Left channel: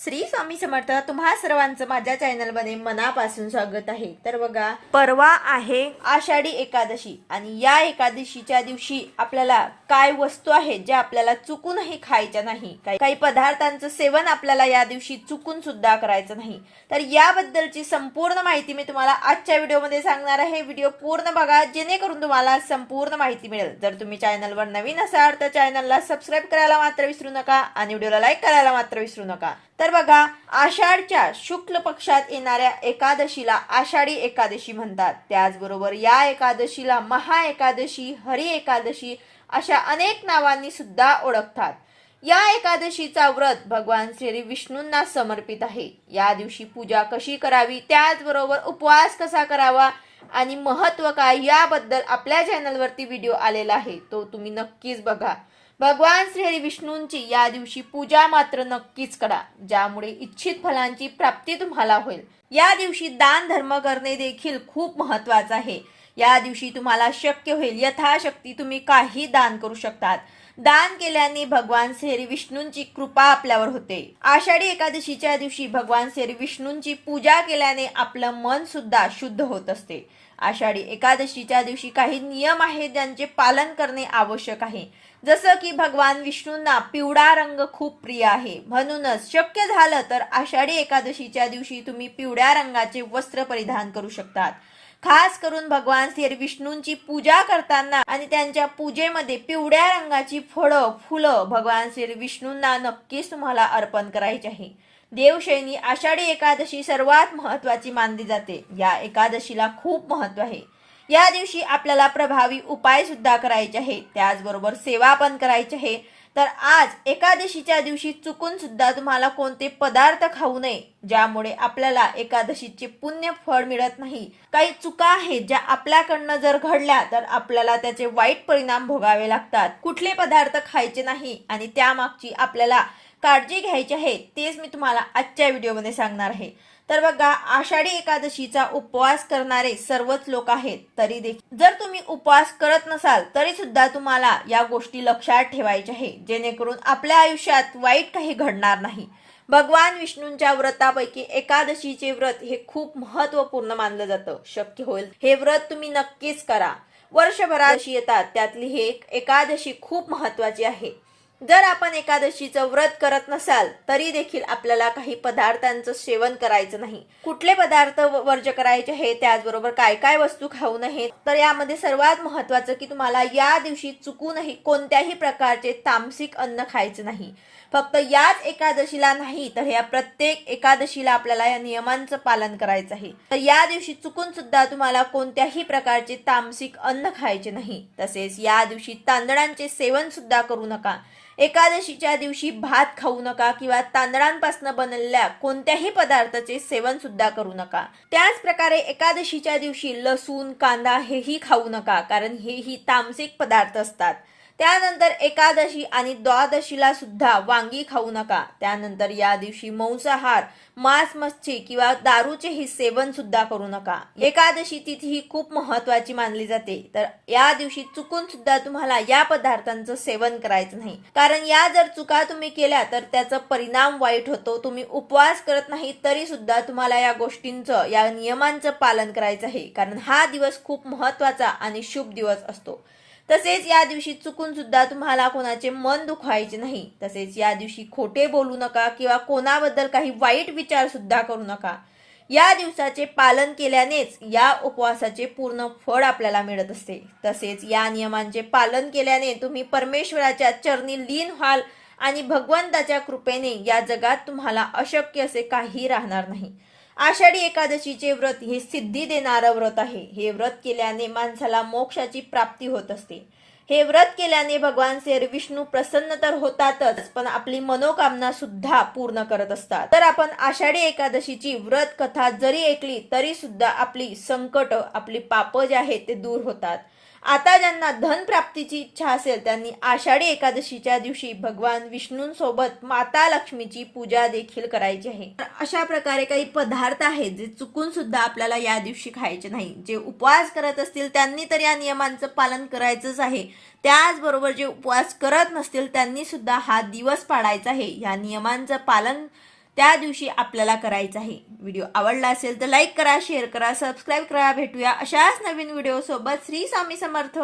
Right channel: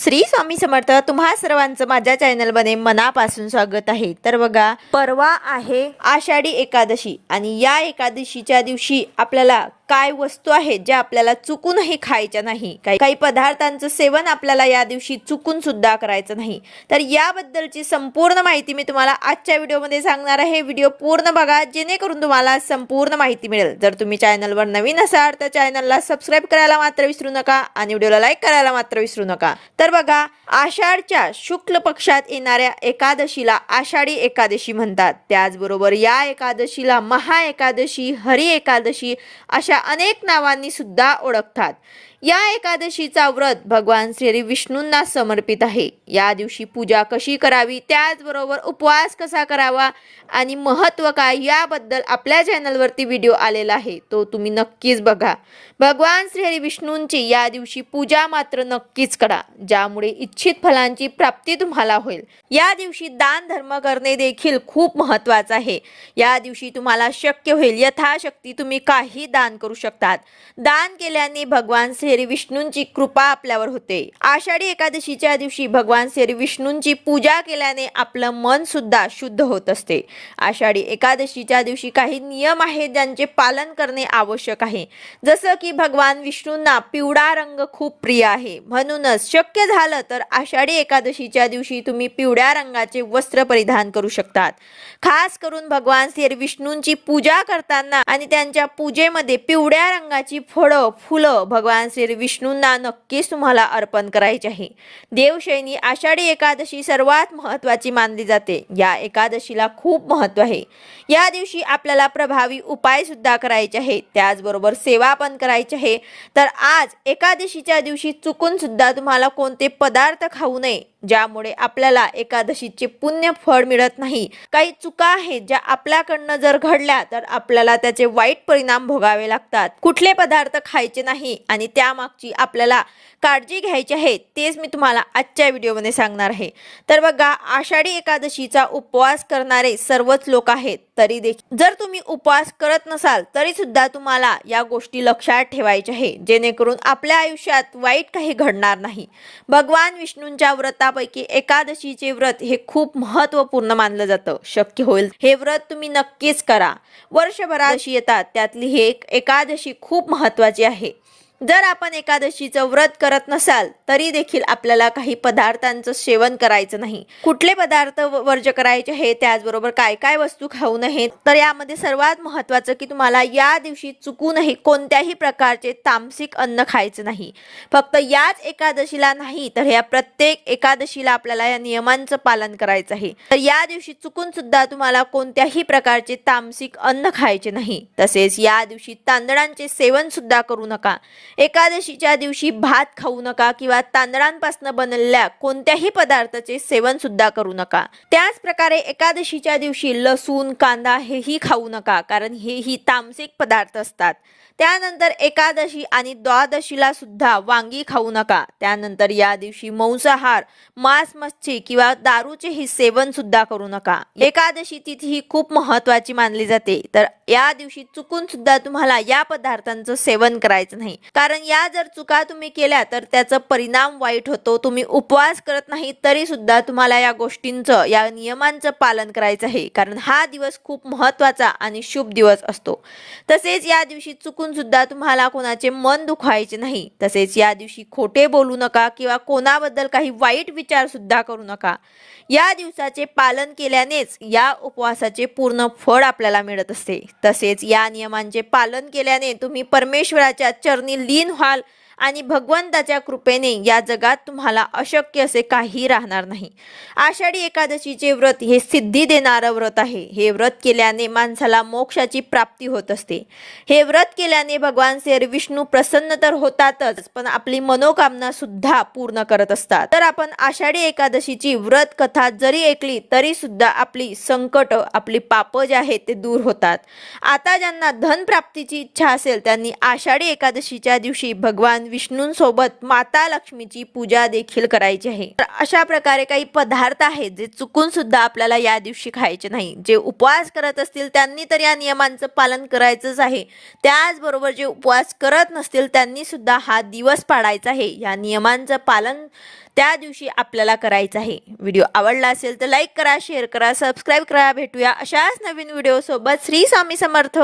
श्री स्वामी समर्थ तुम्हा सर्वांचं माझ्या चॅनलमध्ये मनापासून स्वागत आहे. तर बघा परवा आहे आषाढी एकादशी आणि या एकादशीच्या दिवशी आपल्याला काय वस्तू आहेत ज्या आपल्याला चुकूनही खायच्या नाही? काही काही पदार्थांचं सेवन आपल्याला या दिवशी चुकून सुद्धा करायचं नाही. तर याबद्दलची संपूर्ण माहिती मी तुम्हाला आजच्या व्हिडिओमध्ये सांगणार आहे. व्हिडिओ पूर्ण बघा जेणेकरून तुम्हाला संपूर्ण माहिती मिळेल. जर तुम्ही चॅनलवर नवीन असाल तर चॅनलला सबस्क्राईब करायला मात्र विसरू नका आणि व्हिडिओला लाईक करायला मात्र विसरू नका. तर बघा आषाढच्या शुक्ल पक्षात येणाऱ्या एकादशीला आषाढी एकादशी म्हणतात. त्याचबरोबर या एकादशीला महा एकादशी हरी एकादशी अशा अनेक नावांनी सुद्धा ओळखतात. या एकादशीचा व्रत भगवान श्री विष्णूंना समर्पित आहे. या दिवशी पूजा कशी करावी? त्याचबरोबर उपवास कसा करावा? आणि महत्त्व काय? याबद्दल आपल्या चॅनलवरती व्हिडिओ आलेला आहे. तो तुम्ही नक्कीच बघा. भगवान श्री विष्णूंची या दिवशी पूजा मात्र नक्कीच करा ज्यामुळे इच्छित फलांची प्राप्ती तुम्हाला होईल. या दिवशी दान धर्म करणे देखील खूप महत्त्वाचं आहे. या दिवशी तुम्हाला शक्य होईल. यथाशक्ती तुम्ही काही दान करू शकतात. दान केल्याने भगवान श्री श्री विष्णूंची कृपा आपल्यावर होते. आषाढी एकादशीच्या दिवशी भगवान श्री विष्णूंची पूजा केल्याने आपलं मन सुद्धा शुद्ध होत असते. आषाढी एकादशीच्या दिवशी काही नियम आहेत ज्यांचे पालन करणे आवश्यक आहे. जसं की भगवान विष्णूंना पिवळा रंग खूप प्रिय आहे. म्हणूनच शक्य झालं तर आषाढी एकादशीच्या दिवशी तुम्ही पिवळ्या रंगाचे वस्त्र परिधान करू शकतात. खास करून भगवान श्री विष्णूंची पूजा करताना आणि त्यांच्या पूजेमध्ये पिवळ्या रंगाची फळं फुलं भगवान श्री विष्णूंना नक्कीच तुम्हाला अर्पण करायचे आहे. देवशैनी आषाढी एकादशी सर्वात महत्त्वाची मानली जाते. या एकादशीला खूप महत्त्व आहे. या दिवशी आपल्याला प्रभावी उपाय सुद्धा करायचे आहे त्याचबरोबर सेवा पण करायची आहे. तर आज एकादशीच्या दिवशी चुकून सुद्धा तुम्हाला कोणते पदार्थ खाऊ नये ज्यामुळे आपल्याला एकादशीचे पुण्य फळ मिळत नाही काही चुका आहेत ज्या आपल्याकडनं जर घडल्या तर आपल्याला त्याचे वाईट परिणाम भोगावे लागतात. कुठले पदार्थ खायचे नाही आणि त्यामागची आपल्याला काळजी घ्यायची आहे तेच मी तुम्हाला आजच्या व्हिडिओमध्ये सांगणार आहे. तर बघा आषाढी एकादशीचा उपवास करणारे सर्वच लोक आहेत तरी देखील. जर तुम्ही उपवास करत नसाल तरी सुद्धा तुम्हाला या गोष्टी लक्षात ठेवायच्या आहे जेणेकरून आपल्या आयुष्यात वाईट काही घडणार नाही. भगवान विष्णूंच्या व्रतापैकी एकादशीचे व्रत हे खूप महत्त्वपूर्ण मानलं जातं शक्य होईल. हे व्रत तुम्ही नक्कीच करा. वर्षभराशी येतात त्यातली ही एक एकादशी खूप महत्वाची आहे. जर आपण एकादशीचं व्रत करत नसाल तरी देखील आपल्याला काही पदार्थांचं सेवन करायचं नाही. कुठले पदार्थ वर्ज करायचे हे त्याचबरोबर काय काय वस्तू खाऊ नयेत? तर यामध्ये सर्वात महत्वाचं की तुम्हाला या दिवशी चुकूनही कोणत्याही प्रकारचे तामसिक अन्न खायचं नाही. फक्त याच एकादशीला नाही तर या प्रत्येक एकादशीला आपल्याला या नियमांचं पालन करायचं आहे. तर या दिवशी चुकून सुद्धा तुम्हाला कोणत्याही प्रकारचे तामसिक अन्न खायचे नाही. तसेच या दिवशी तांदळांचे सेवन सुद्धा करू नका. एकादशीच्या दिवशी भात खाऊ नका किंवा तांदळांपासून बनलेल्या कोणत्याही पदार्थाचे सेवन सुद्धा करू नका. त्याच प्रकारे एकादशीच्या दिवशी लसूण कांदा हेही खाऊ नका कारण हेही तामसिक पदार्थ असतात. त्यानंतर एकादशी आणि द्वादशीला सुद्धा वांगी खाऊ नका. त्यानंतर या दिवशी मांसाहार मांस मच्छी किंवा दारूचेही सेवन सुद्धा करू नका. एकादशी तिथी ही खूप महत्वाची मानली जाते. तर या दिवशी चुकून सुद्धा तुम्हाला या पदार्थांचं सेवन करायचं नाही. कारण या जर चुका तुम्ही केल्या तर त्याचा परिणाम वाईट होतो. तुम्ही उपवास करत नाही तरी सुद्धा तुम्हाला या गोष्टींचं या नियमांचं पालन करायचं आहे. कारण हा दिवस खूप महत्त्वाचा आणि शुभ दिवस असतो. तसेच या दिवशी चुकून सुद्धा तुम्हाला कोणाचे मन दुखायचे नाही. तसेच या दिवशी खोटे बोलू नका किंवा कोणाबद्दल काही वाईट विचार सुद्धा करू नका. या दिवसाचे पालन केल्यानेच या उपवासाचे पूर्ण फळ आपल्याला मिळत असते. तसेच या नियमांचे पालन केल्याने तुम्ही परमेश्वराच्या चरणी लीन व्हाल आणि भगवंताच्या कृपेने या जगात तुम्हाला अशक्य असे काही राहणार नाही. आषाढी एकादशीचे व्रत हे सिद्धी देणारं व्रत आहे. हे व्रत केल्याने माणसाला मोक्षाची प्राप्ती होत असते. हे व्रत केल्याने भगवान श्री विष्णू प्रसन्न तर होतातच पण आपली मनोकामना सुद्धा पूर्ण करत असतात. तर आपण आषाढी एकादशीची व्रत कथा जरी ऐकली तरी सुद्धा आपली संकट आपली पाप जे आहेत ते दूर होतात. आता ज्यांना धन प्राप्तीची इच्छा असेल त्यांनी आषाढी एकादशीच्या दिवशी भगवान विष्णूंसोबत माता लक्ष्मीची पूजा देखील करायची आहे. तर अशा प्रकारे काही पदार्थ आहेत जे चुकून सुद्धा आपल्याला या दिवशी खायचे नाही. जे उपवास करत असतील त्यांनी तर या नियमांचं पालन करायचंच आहे. त्याचबरोबर जे उपवास करत नसतील त्यांनी सुद्धा हा दिवस पाडायचा आहे. या नियमांचं पालन त्या दिवशी आपल्याला करायचं आहे. व्हिडिओ आवडला असेल तर लाईक करा शेअर करा सबस्क्राईब करा. भेटूया अशाच नवीन व्हिडिओसोबत. श्री स्वामी समर्थ.